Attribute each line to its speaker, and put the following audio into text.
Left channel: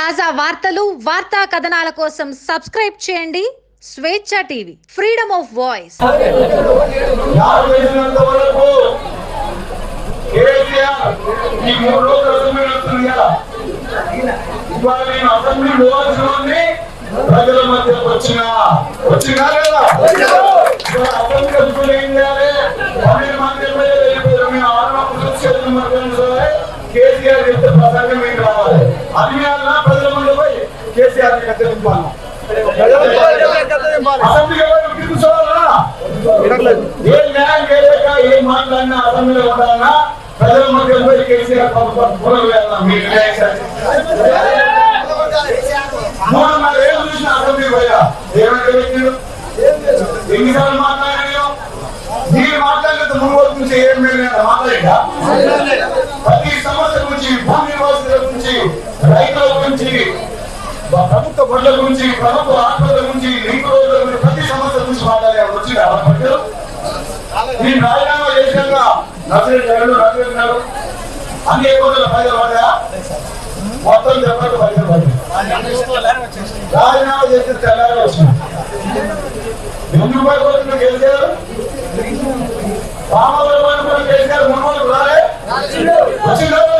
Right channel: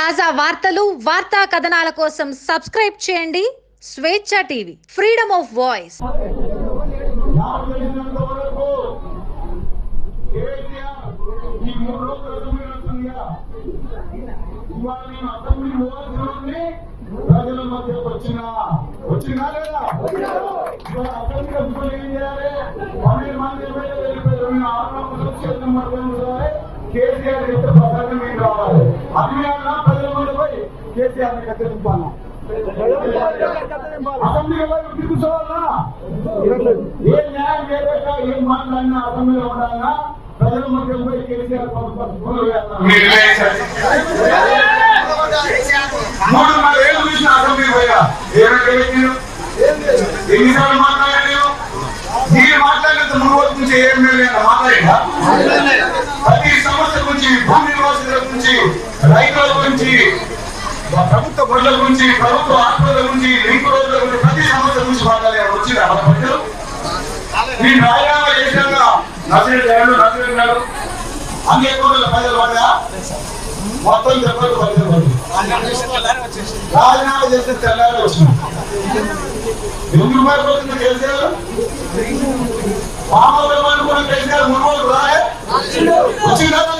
Speaker 1: తాజా వార్తలు వార్తా కథనాల కోసం సబ్స్క్రైబ్ చేయండి. Swecha TV freedom of voice.
Speaker 2: KCR ప్రజల వచ్చిన వచ్చినా లేదా అసెంబ్లీ ఏం చేయాలి పన్నెండు మంది ఎమ్మెల్యేలు వెళ్ళిపోయారు మీ ఆరు కేసీఆర్ చెప్తే ప్రసంగం మీకు రావాలి మీద ప్రజల ముందు పోయి కేసీఆర్ని కత్తిరింపాలి అసెంబ్లీలో పోయి కూర్చోవాలన్నా ఏం న్యాయం చేయలేక ఏం మాట్లాడినా అసెంబ్లీలో ఉండాలన్నా ప్రజల మధ్య పోయి కేసీఆర్. మూడున్నర ఏళ్ళు చూసిన అసెంబ్లీ పోయా ఏమంటే ఎన్నిసార్లు మీరు మాట్లాడినంత నుంచి ఏం మాట్లాడా ప్రతి గురించి భూమి నివాసుల గురించి రైతుల గురించి ప్రభుత్వ బడుల గురించి ప్రభుత్వ ఆత్మల గురించి లింక్ రోడ్ల గురించి ప్రతి సమస్య గురించి మాట్లాడే వచ్చిన మీ రాజీనామా చేసినాక నర్సరీ గారు నర్సరీ గారు అన్ని రోజుల ప్రజలు పడ్డా. మొత్తం చెప్పాలి ప్రజలు పడ్డా. రాజీనామా చేసిన తెల్లారి వచ్చినాం. ఎందుకు భయపడుతుంది కేసీఆర్ మామూలు కూడా కేసీఆర్ మున్మూలకు రాలే వచ్చిందా లేదా? మరి ఇప్పుడు ఏమంటారు